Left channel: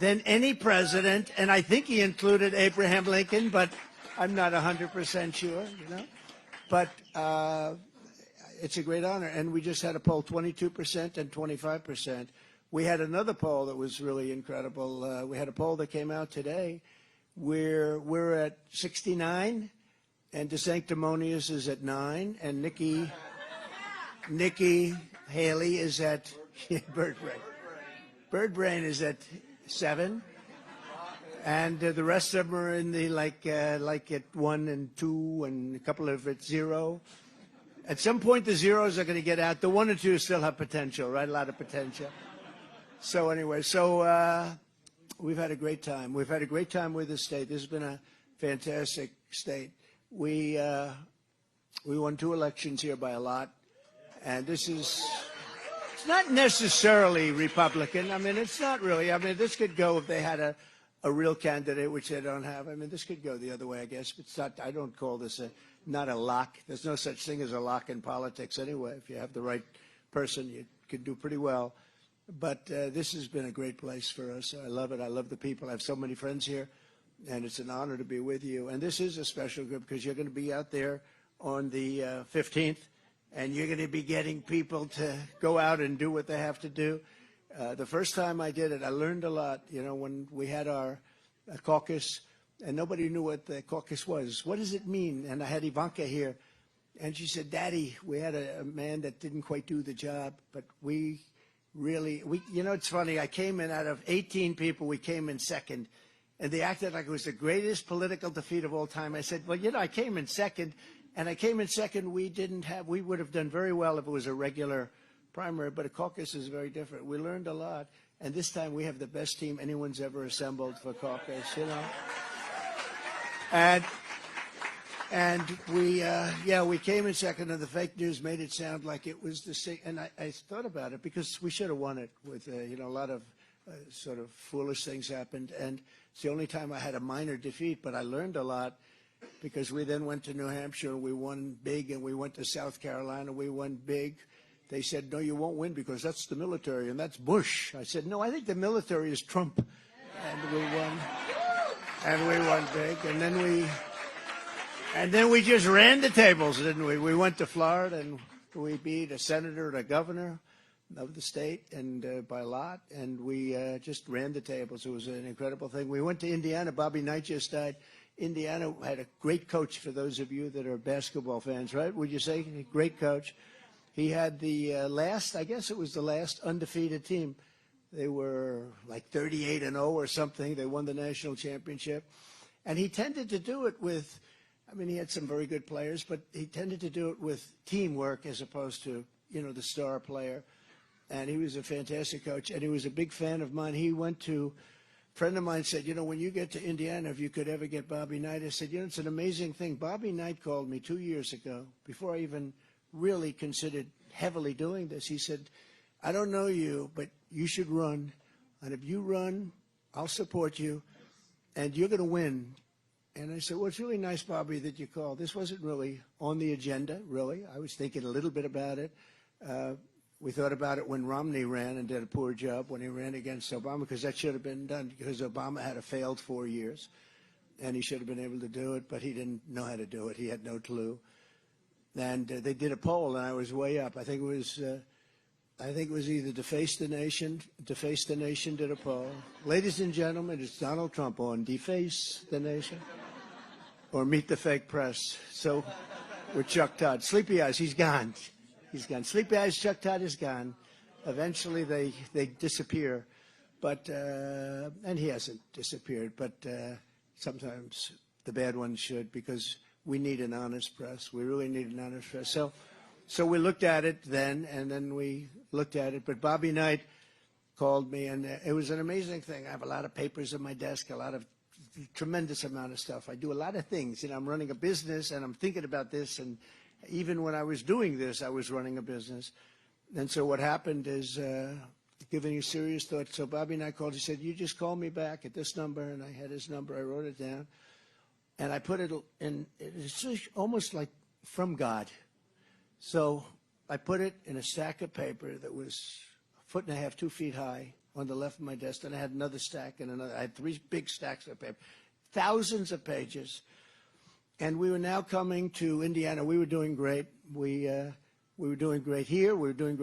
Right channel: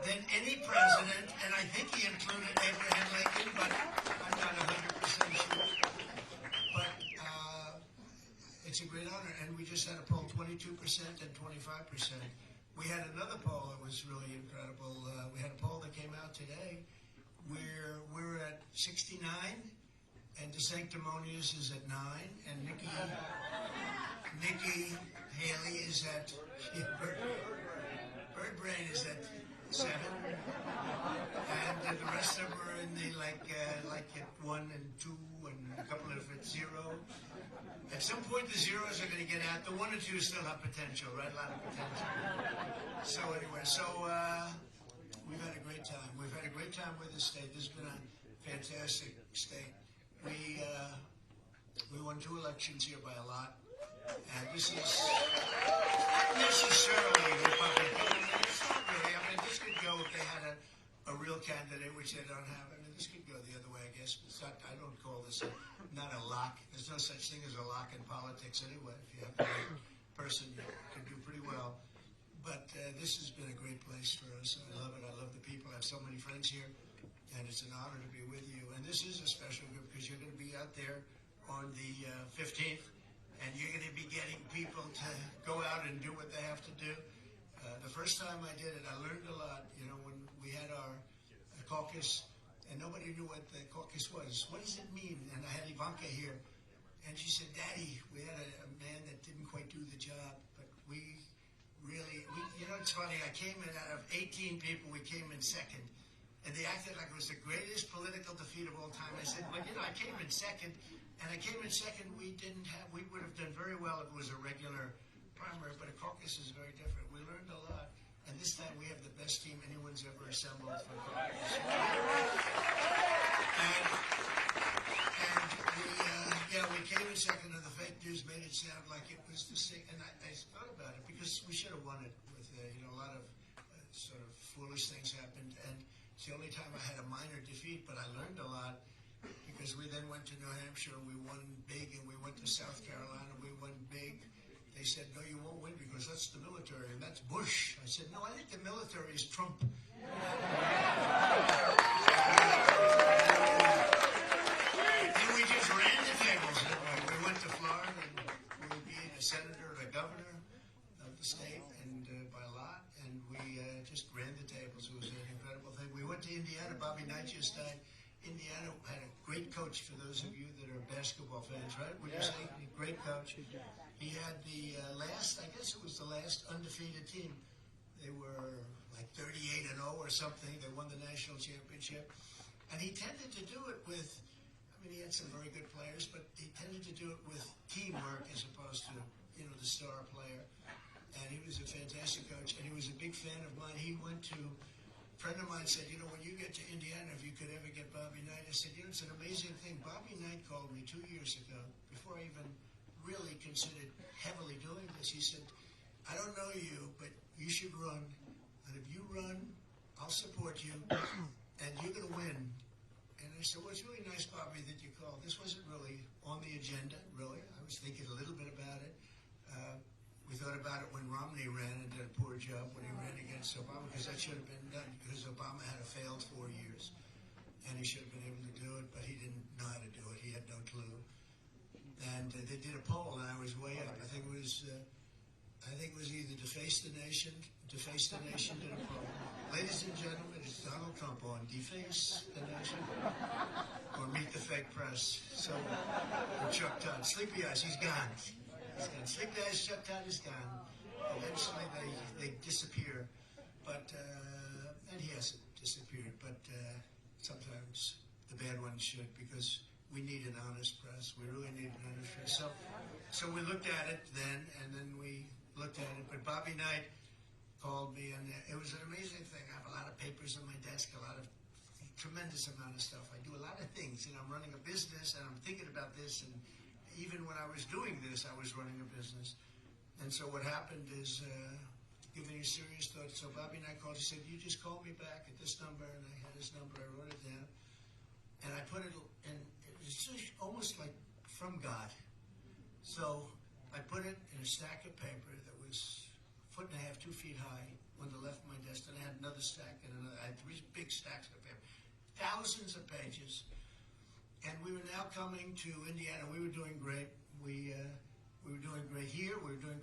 than any president, and I think he included Abraham Lincoln, but I'm not 100% sure. But it's a great honor, and we just had a poll, 22% and 25%. We had another poll that was really incredible. We had a poll that came out today where we're at 69, and DeSanctimonious is at 9, and Nikki Haley is at Birdbrain is at 7, and the rest of them are in the like at 1 and 2, and a couple of at 0. At some point, the zeros are going to get out. The 1 and 2 still have potential, right? A lot of potential. So anyway, we've had a great time. We've had a great time with this state. This has been a fantastic state. We won 2 elections here by a lot, and this is not necessarily Republican. I mean, it's not really. I mean, this could go if they had a real candidate, which they don't have. I mean, this could go the other way, I guess. It's not. I don't call this not a lock. There's no such thing as a lock in politics anyway. If you have the right person, you could do pretty well. But this has been a great place for us. I love it. I love the people. I have so many friends here, and it's an honor to be with you. And this is a special group because you're going to be out there on the 15th, and you're going to be getting people to go out and do what they have to do. The first time I did it, I learned a lot. You know, when we had our caucus, and nobody knew what the caucus was. What does it mean? And I had Ivanka here, and she said, Daddy, we had a man that didn't quite do the job, but we you know, it's funny, I came in out of 18 people, we came in second, and they acted like it was the greatest political defeat of all time. I said, well, you know, I came in second, and I came in second, we would have done very well if it was a regular primary, but a caucus is very different. We learned a lot, and this time we have the best team anyone's ever assembled for caucus, you know. And we came in second, and the fake news made it sound like it was the same. And I thought about it because we should have won it with, you know, a lot of sort of foolish things happened. And it's the only time I had a minor defeat, but I learned a lot because we then went to New Hampshire, and we won big, and we went to South Carolina, we won big. They said, no, you won't win because that's the military, and that's Bush. I said, no, I think the military is Trump. And we won. And we won big. And then we just ran the tables, didn't we? We went to Florida, and we beat a senator and a governor of the state, and by a lot, and we just ran the tables. It was an incredible thing. We went to Indiana. Bobby Knight just died. Indiana had a great coach, for those of you that are basketball fans, right? Would you say? Great coach. He had the last, I guess it was the last undefeated team. They were like 38-0 or something. They won the national championship. And he tended to do it with, I mean, he had some very good players, but he tended to do it with teamwork as opposed to, you know, the star player. And he was a fantastic coach, and he was a big fan of mine. He went to, a friend of mine said, you know, when you get to Indiana, if you could ever get Bobby Knight. I said, you know, it's an amazing thing. Bobby Knight called me 2 years ago, before I even really considered heavily doing this. He said, I don't know you, but you should run. And if you run, I'll support you, and you're going to win. And I said, well, it's really nice, Bobby, that you called. This wasn't really on the agenda, really. I was thinking a little bit about it. We thought about it when Romney ran and did a poor job when he ran against Obama, because that should have been done, because Obama had a failed 4 years, and he should have been able to do it, but he didn't know how to do it. He had no clue. And they did a poll, and I was way up. I think it was either Deface the Nation did a poll. Ladies and gentlemen, it's Donald Trump on Deface the Nation or Meet the Fake Press. So with Chuck Todd. Sleepy Eyes, he's gone. He's gone. Sleepy Eyes, Chuck Todd is gone. Eventually they disappear. But, and he hasn't disappeared, but sometimes the bad ones should, because we need an honest press. We really need an honest press. So we looked at it then, and then we looked at it. But Bobby Knight called me, and it was an amazing thing. I have a lot of papers on my desk, a lot of tremendous amount of stuff. I do a lot of things. You know, I'm running a business, and I'm thinking about this. And even when I was doing this, I was running a business. And so what happened is, giving you serious thought. So Bobby Knight called. He said, you just call me back at this number. And I had his number. I wrote it down. And I put it in, it's almost like from God. So I put it in a stack of paper that was 1.5 feet, 2 feet high on the left of my desk, and I had another stack and another. I had 3 big stacks of paper, thousands of pages. And we were now coming to Indiana. We were doing great. We were doing great here. We were doing great